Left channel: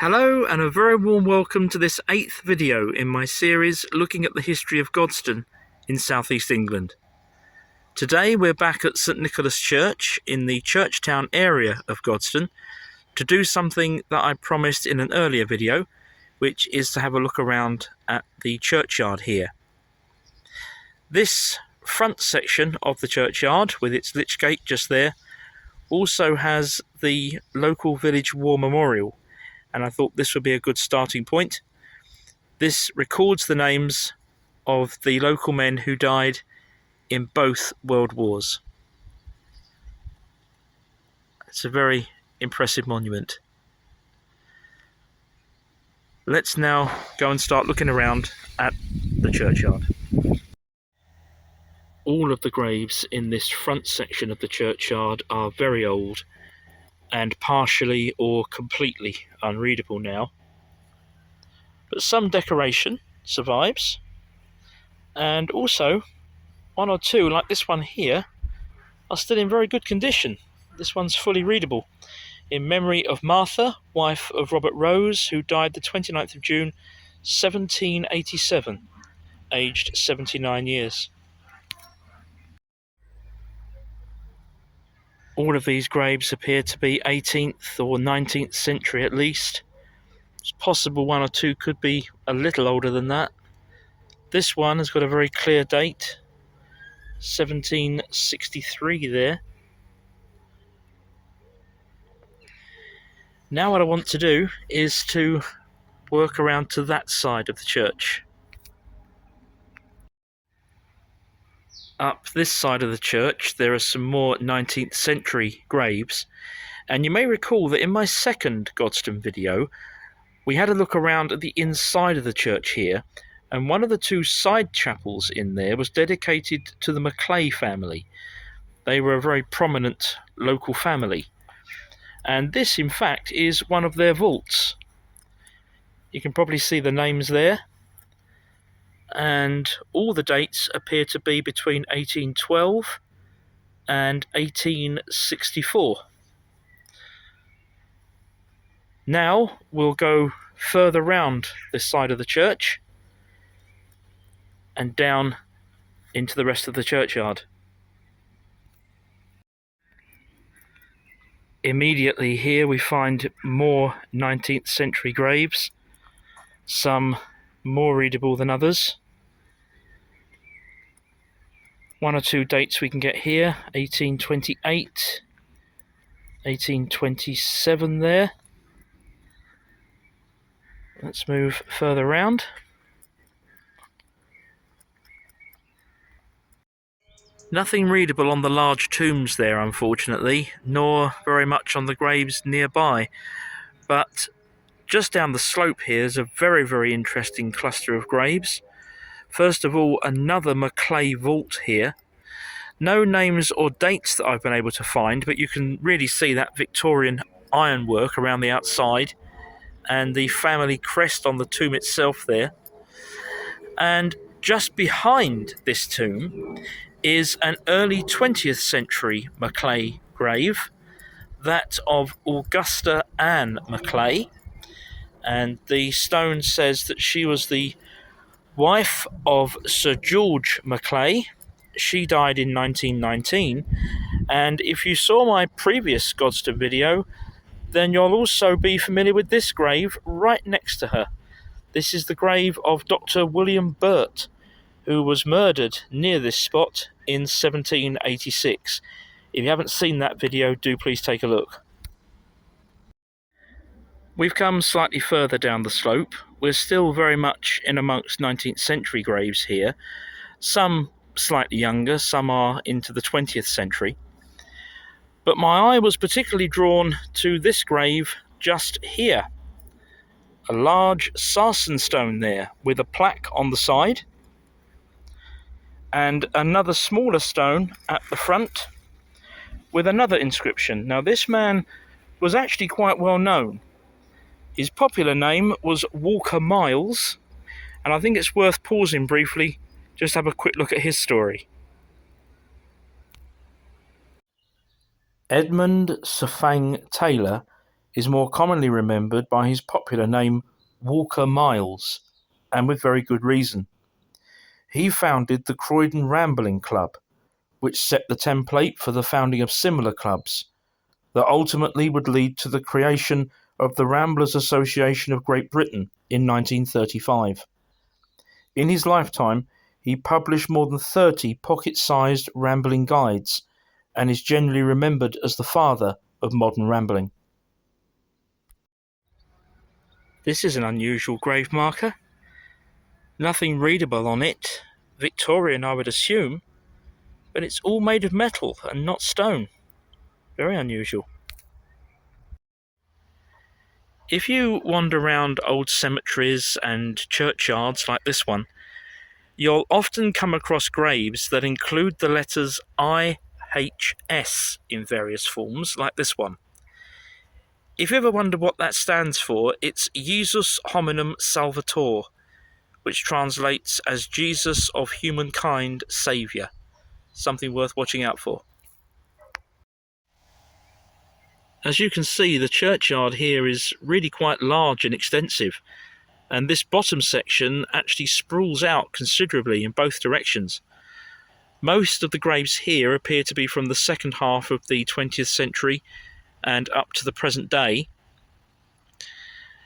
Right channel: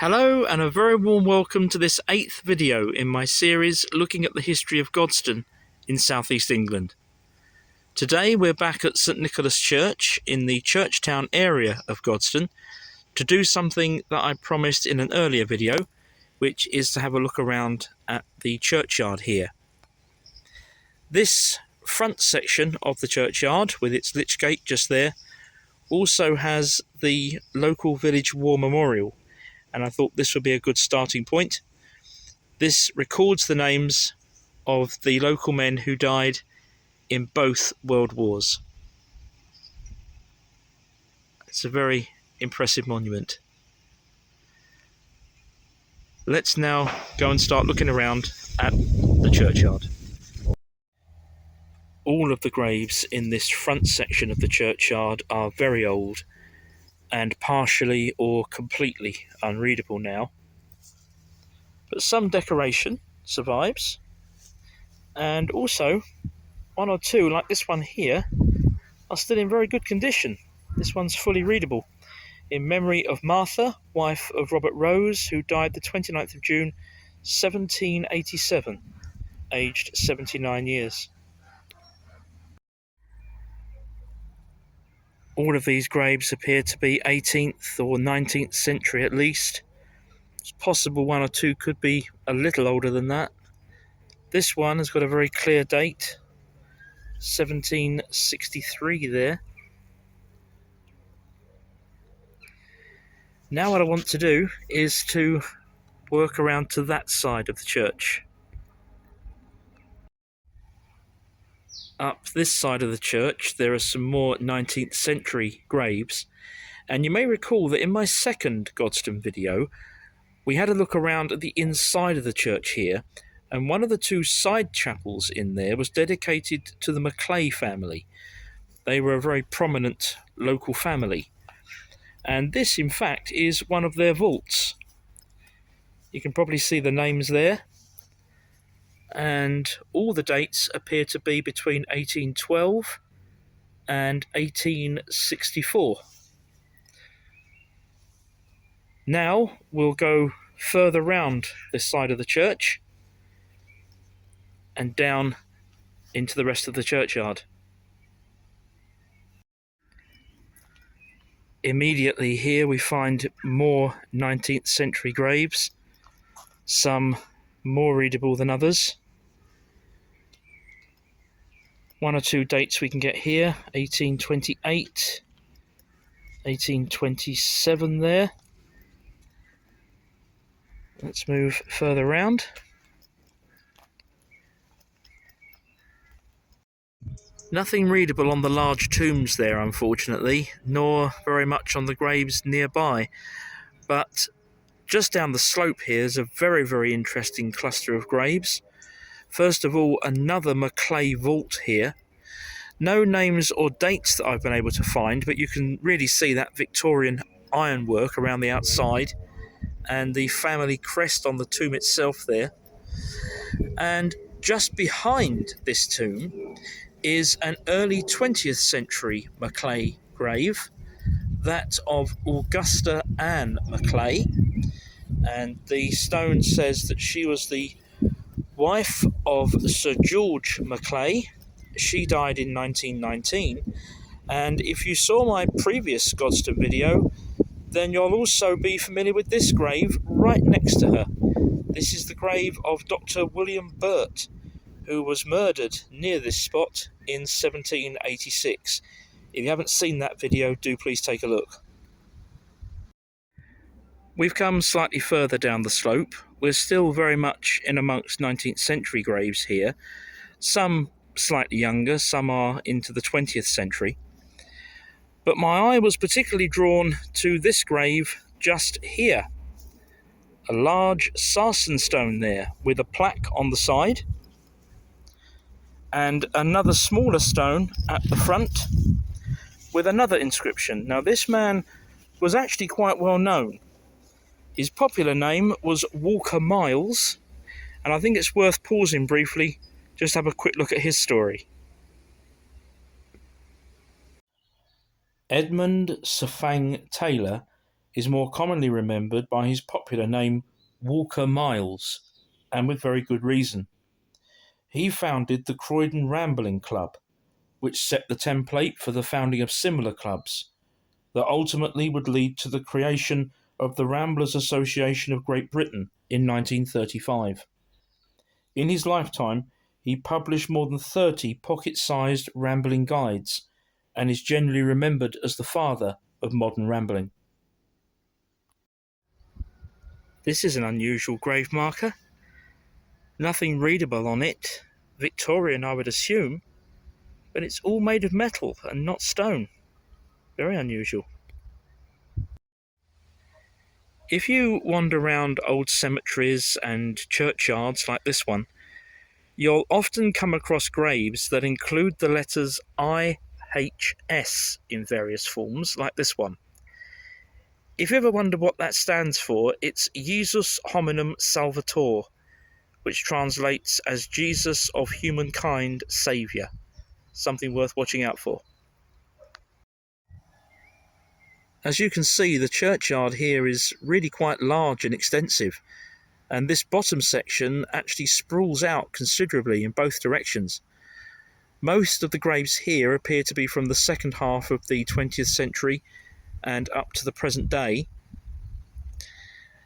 Hello and a very warm welcome to this 8th video in my series looking at the history of Godstone in South East England. Today we're back at St Nicholas Church in the Churchtown area of Godstone to do something that I promised in an earlier video, which is to have a look around at the churchyard here. This front section of the churchyard with its lich gate just there also has the local village war memorial, and I thought this would be a good starting point. This records the names of the local men who died in both World Wars. It's a very impressive monument. Let's now go and start looking around at the churchyard. All of the graves in this front section of the churchyard are very old and partially or completely unreadable now, but some decoration survives, and also one or two, like this one here, are still in very good condition. This one's fully readable, in memory of Martha, wife of Robert Rose, who died the 29th of June 1787, aged 79 years. All of these graves appear to be 18th or 19th century at least. It's possible one or two could be a little older than that. This one has got a very clear date, 1763 there. Now what I want to do is to work around to that side of the church. Up this side of the church there are some more 19th century graves, and you may recall that in my second Godstone video we had a look around at the inside of the church here, and one of the two side chapels in there was dedicated to the Maclay family. They were a very prominent local family, and this in fact is one of their vaults. You can probably see the names there, and all the dates appear to be between 1812 and 1864. Now we'll go further round this side of the church and down into the rest of the churchyard. Immediately here we find more 19th century graves, some more readable than others. One or two dates we can get here, 1828, 1827 there. Let's move further round. Nothing readable on the large tombs there, unfortunately, nor very much on the graves nearby, but just down the slope here is a very, very interesting cluster of graves. First of all, another Maclay vault here. No names or dates that I've been able to find, but you can really see that Victorian ironwork around the outside and the family crest on the tomb itself there. And just behind this tomb is an early 20th century Maclay grave, that of Augusta Anne Maclay, and the stone says that she was the wife of Sir George Maclay. She died in 1919, and if you saw my previous Godstone video, then you'll also be familiar with this grave right next to her. This is the grave of Dr. William Burt, who was murdered near this spot in 1786. If you haven't seen that video, do please take a look. We've come slightly further down the slope. We're still very much in amongst 19th century graves here. Some slightly younger, some are into the 20th century. But my eye was particularly drawn to this grave just here. A large sarsen stone there with a plaque on the side, and another smaller stone at the front with another inscription. Now this man was actually quite well known. His popular name was Walker Miles, and I think it's worth pausing briefly just to have a quick look at his story. Edmund Safang Taylor is more commonly remembered by his popular name Walker Miles, and with very good reason. He founded the Croydon Rambling Club, which set the template for the founding of similar clubs that ultimately would lead to the creation of the Ramblers Association of Great Britain in 1935. In his lifetime, he published more than 30 pocket-sized rambling guides and is generally remembered as the father of modern rambling. This is an unusual grave marker. Nothing readable on it, Victorian I would assume, but it's all made of metal and not stone. Very unusual. If you wander around old cemeteries and churchyards like this one, you'll often come across graves that include the letters IHS in various forms, like this one. If you ever wonder what that stands for, it's Jesus Hominum Salvator, which translates as Jesus of Humankind Saviour. Something worth watching out for. As you can see, the churchyard here is really quite large and extensive, and this bottom section actually sprawls out considerably in both directions. Most of the graves here appear to be from the second half of the 20th century and up to the present day.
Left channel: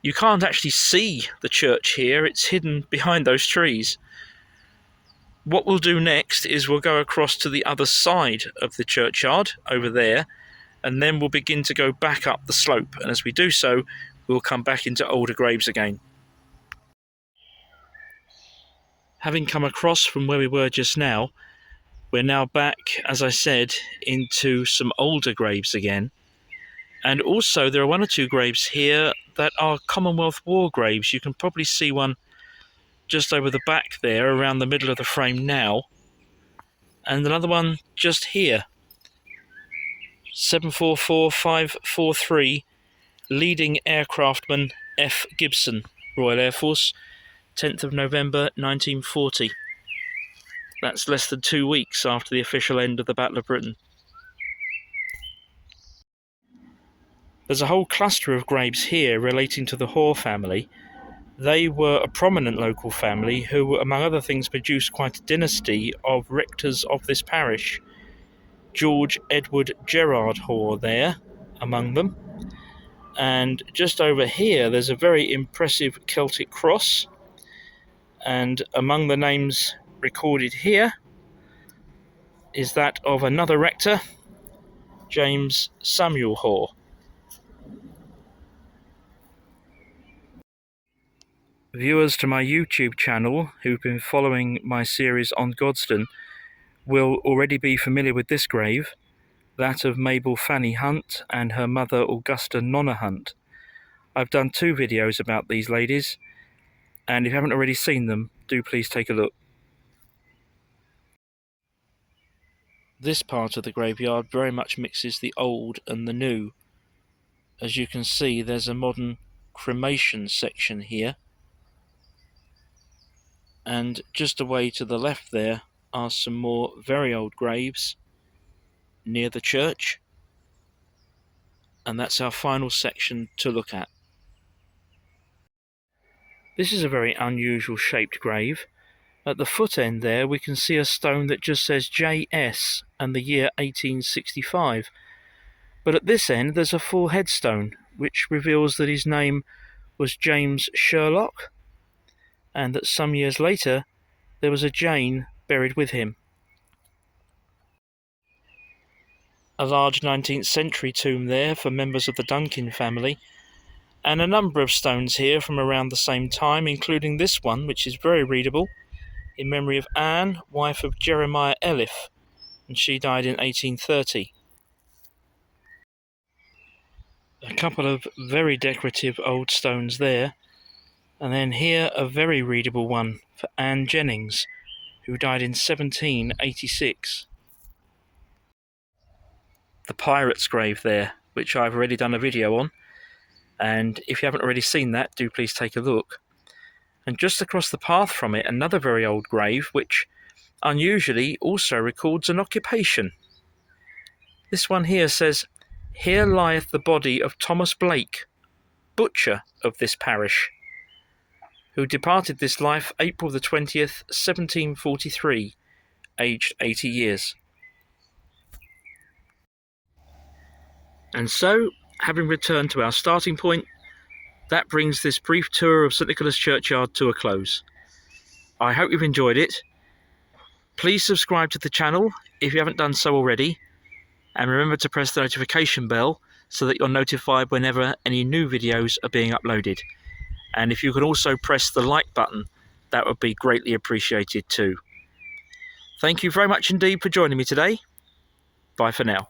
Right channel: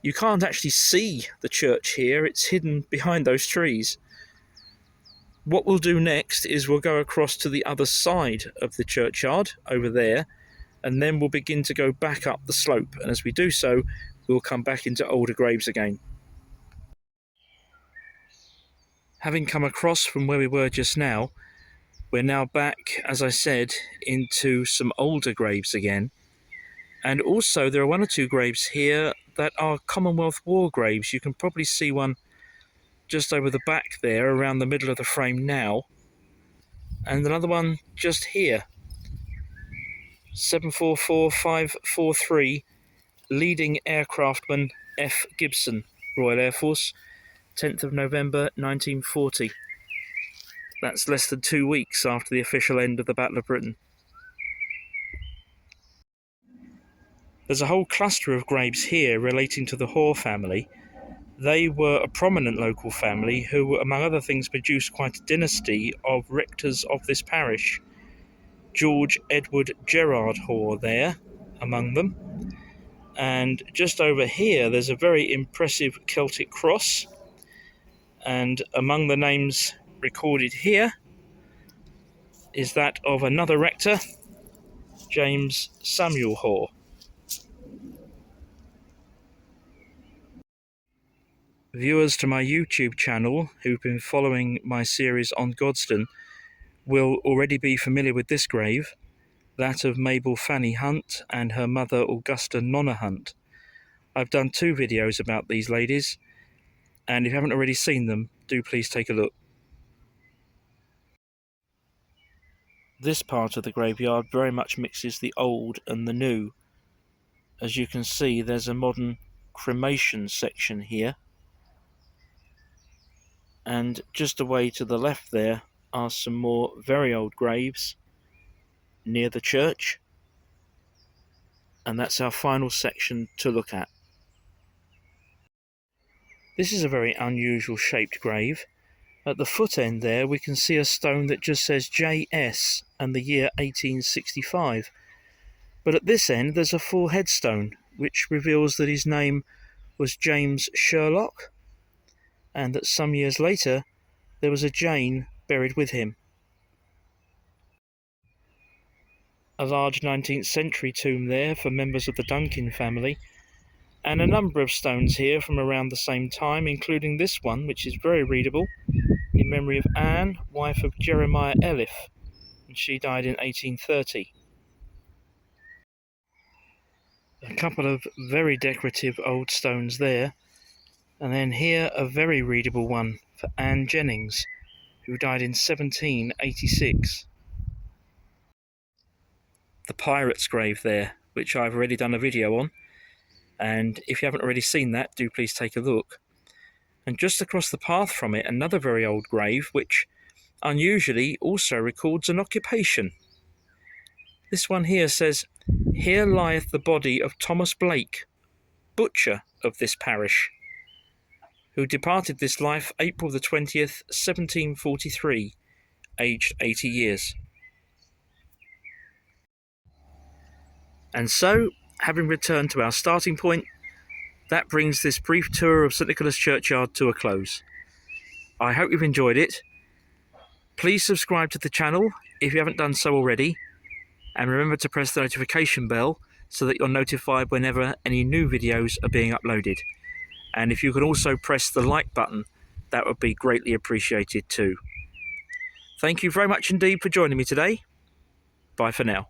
You can't actually see the church here, it's hidden behind those trees. What we'll do next is we'll go across to the other side of the churchyard, over there, and then we'll begin to go back up the slope, and as we do so, we'll come back into older graves again. Having come across from where we were just now, we're now back, as I said, into some older graves again. And also there are one or two graves here that are Commonwealth War graves. You can probably see one just over the back there, around the middle of the frame now. And another one just here. 744543, leading aircraftman F. Gibson, Royal Air Force, 10th of November 1940. That's less than 2 weeks after the official end of the Battle of Britain. There's a whole cluster of graves here relating to the Hoare family. They were a prominent local family who, among other things, produced quite a dynasty of rectors of this parish. George Edward Gerard Hoare there, among them. And just over here, there's a very impressive Celtic cross. And among the names recorded here is that of another rector, James Samuel Hoare. Viewers to my YouTube channel who've been following my series on Godstone will already be familiar with this grave, that of Mabel Fanny Hunt and her mother Augusta Nonna Hunt. I've done 2 videos about these ladies, and if you haven't already seen them, do please take a look. This part of the graveyard very much mixes the old and the new. As you can see, there's a modern cremation section here. And just away to the left there are some more very old graves near the church. And that's our final section to look at. This is a very unusual shaped grave. At the foot end there we can see a stone that just says JS and the year 1865. But at this end there's a full headstone which reveals that his name was James Sherlock, and that some years later there was a Jane buried with him. A large 19th century tomb there for members of the Duncan family, and a number of stones here from around the same time, including this one, which is very readable, in memory of Anne, wife of Jeremiah Elif, and she died in 1830. A couple of very decorative old stones there, and then here a very readable one for Anne Jennings, who died in 1786. The pirate's grave there, which I've already done a video on, and if you haven't already seen that, do please take a look. And just across the path from it, another very old grave, which unusually also records an occupation. This one here says, "Here lieth the body of Thomas Blake, butcher of this parish, who departed this life April the 20th, 1743, aged 80 years. And so, having returned to our starting point, that brings this brief tour of St Nicholas Churchyard to a close. I hope you've enjoyed it. Please subscribe to the channel if you haven't done so already, and remember to press the notification bell so that you're notified whenever any new videos are being uploaded. And if you could also press the like button, that would be greatly appreciated too. Thank you very much indeed for joining me today. Bye for now.